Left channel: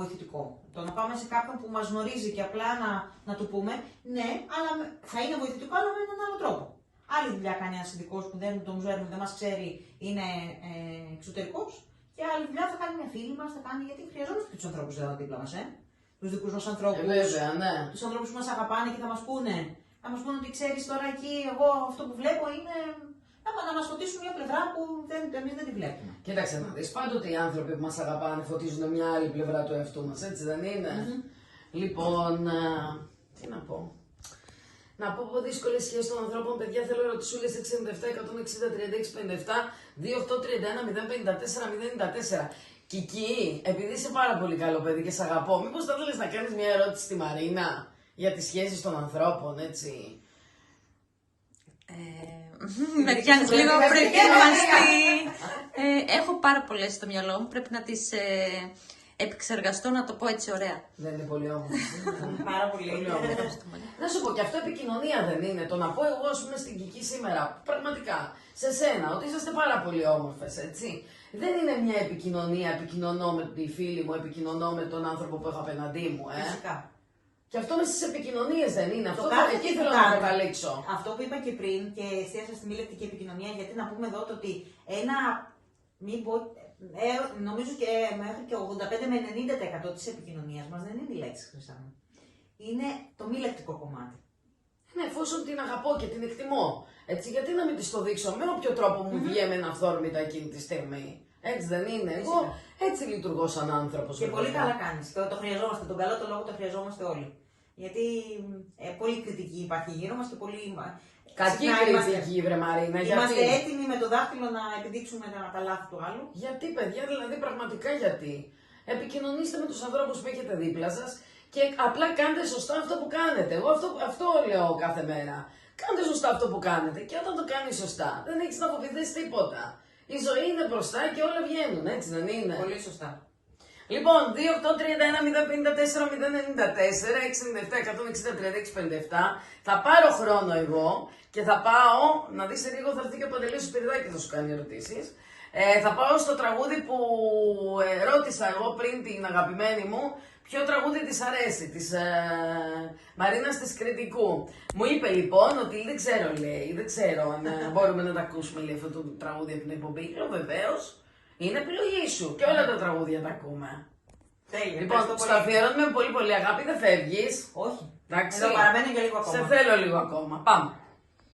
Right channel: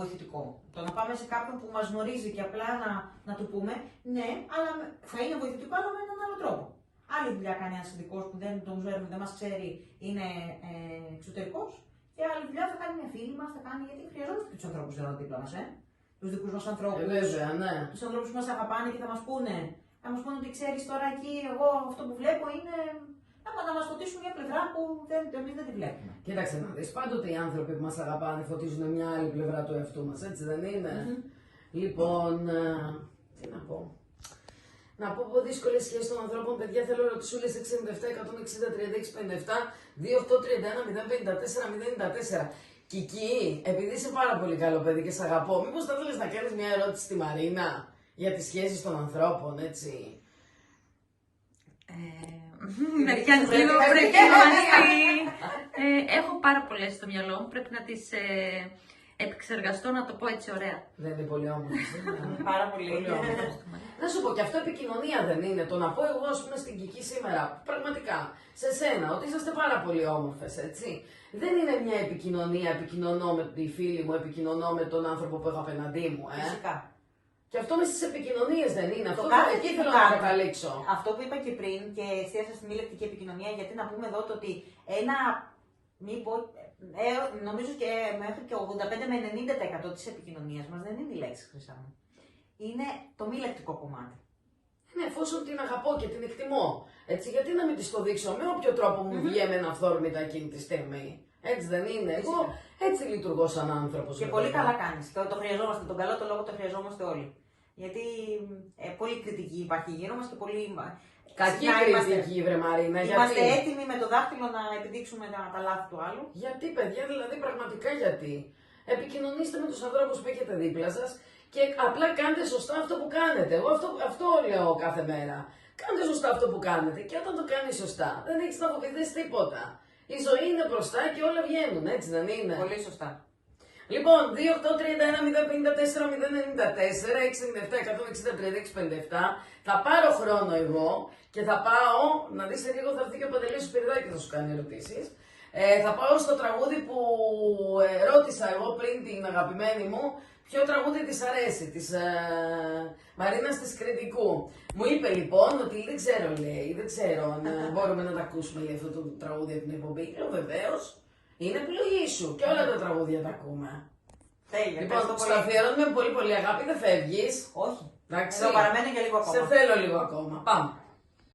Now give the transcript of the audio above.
βοηθητικό. Το να πάμε σε κάποιον που μας γνωρίζει και απλά να του πούμε, ναι, αλλά θα είναι βοηθητικό, αλλά με έναν άλλο τρόπο. Άλλη δουλειά κάνει ένας ειδικός που δεν τον ξέρουμε, δεν μας ξέρει, είναι εξωτερικός. Και άλλη δουλειά θα κάνει μια φίλη μας, θα κάνει, γιατί χρειαζόμαστε και τους ανθρώπους εδώ δίπλα μας, τους δικούς μας ανθρώπους. Βέβαια, ναι. Τους ανθρώπους που μας αγαπάνε και θα μας πούνε. Θα μας πούνε ότι ξέρεις τώρα εκεί, εγώ αυτό που βλέπω είναι. Να μας φωτίσουν μια πλευρά που εμείς δεν τη βλέπουμε. Κοίταξε να δεις, πάντοτε οι άνθρωποι που μας αγαπάνε φωτίζουν μια άλλη πλευρά του εαυτού μας, έτσι δεν είναι? Λοιπόν, τι να πω. Να πω από δύσκολες σχέσεις των ανθρώπων, παιδιά, θέλω ερωτησούλες 67, 160, 36, 57, 28, 31, 054, 094. Κική, επειδή είσαι πάρα πολύ καλό παιδί και σε αγαπώ, μήπως θα θέλεις να κάνεις μια ερώτηση στη Μαρίνα για τις σχέσεις των ανθρώπων, έτσι? Με πιάνεις λίγο προετοίμαστη. Έχω πάρα πολλές στο μυαλό μου, πρέπει να τις επεξεργαστώ, να το πω έτσι ωραία. Δεν είναι πολύ όμορφη? Πάρα πολύ. Να σου πω, και αυτό επικοινωνία δεν είναι? Το να πω εγώ, ας πούμε, στην Κική σήμερα, πραγματικά, σε σένα, ότι είσαστε πάρα πολύ όμορφες, έτσι. Δεν είναι μια επικοινωνία, επικοινωνώ με τη φίλη μου, επικοινωνώ με τον άνθρωπο που έχω απέναντί μου, Φυσικά. Και αυτό με στις επικοινωνίες δεν είναι? Αυτό κάθε εκεί τι θέλω να καταλήξω. Αυτό που είπα και πριν και εστίασα στην ηλεκτρική επικοινωνία, γιατί να πούμε εδώ το ότι νομίζω και μέχρι και 85 με 90% της επικοινωνίας μας δεν είναι η λέξη, Χρυσά μου. Είναι το μη λεκτικό κομμάτι. Ναι, εφόσον την αγαπώ και την εκτιμώ. Έτσι, γιατί να μην της το δείξω με όποιο τρόπο μου βγαίνει ένα αυθόρμητα εκείνη τη στιγμή. Έτσι δεν είναι? Εγώ έτσι λειτουργώ σαν άνθρωπος. Και πολύ καλά κάνεις. Το χρειαζόμαστε. Τον καλό το λόγο το χρειαζόμαστε όλοι. Γιατί πολύ κριτική υπάρχει γύρω μας και πολύ. Κακή κριτική, βρε Μαρίνα. Είμαστε έτοιμοι με το δάχτυλο να επιδείξουμε τα λάθη του άλλου. Γιατί, παιδιά, δηλαδή πραγματικά γιατί? Επικοινωνήστε με τους ανθρώπους που έχετε δίπλα σας και απλά κάντε σωστά αυτό που κάνετε. Εγώ αυτό λέω κάθε μέρα. Κάντε σωστά αυτό που κάνετε και όταν το κάνεις σωστά δεν έχεις να αποφυθείς τίποτα. Η ζωή είναι μπροστά και όλα βγαίνουν, έτσι δεν είναι? Πολύ σωστά. Λοιπόν, 2, 8, 31, 054, 094, 697, 160, 36, 57. Θα πάρω χρόνο εγώ και θα πάω, να δεις σε λίγο θα έρθει και ο Παντελής ο Σπυριδάκης και θα σου κάνει ερωτήσεις. Θα πάω στο τραγούδι που ρώτησα εγώ πριν την αγαπημένη μου, ποιο τραγούδι της αρέσει, της Μαρίνας της Κρητικού. Μου είπε λοιπόν ότι δεν ξέρω, λέει, δεν ξέρω αν μπορούμε να τα ακούσουμε, λέει, αυτό το τραγούδι από την εκπομπή. Λέω βεβαίως. Είναι επιλογή σου και όλα τα τραγούδια τα ακούμε. Τέλεια. Λοιπόν, στο αφιερώνουμε με πολύ πολύ αγάπη, δεν φεύγεις. Όχι. Εντάξει. Εδώ παραμένω για λίγο ακόμα. Σε θέλω λίγο ακόμα. Πάμε.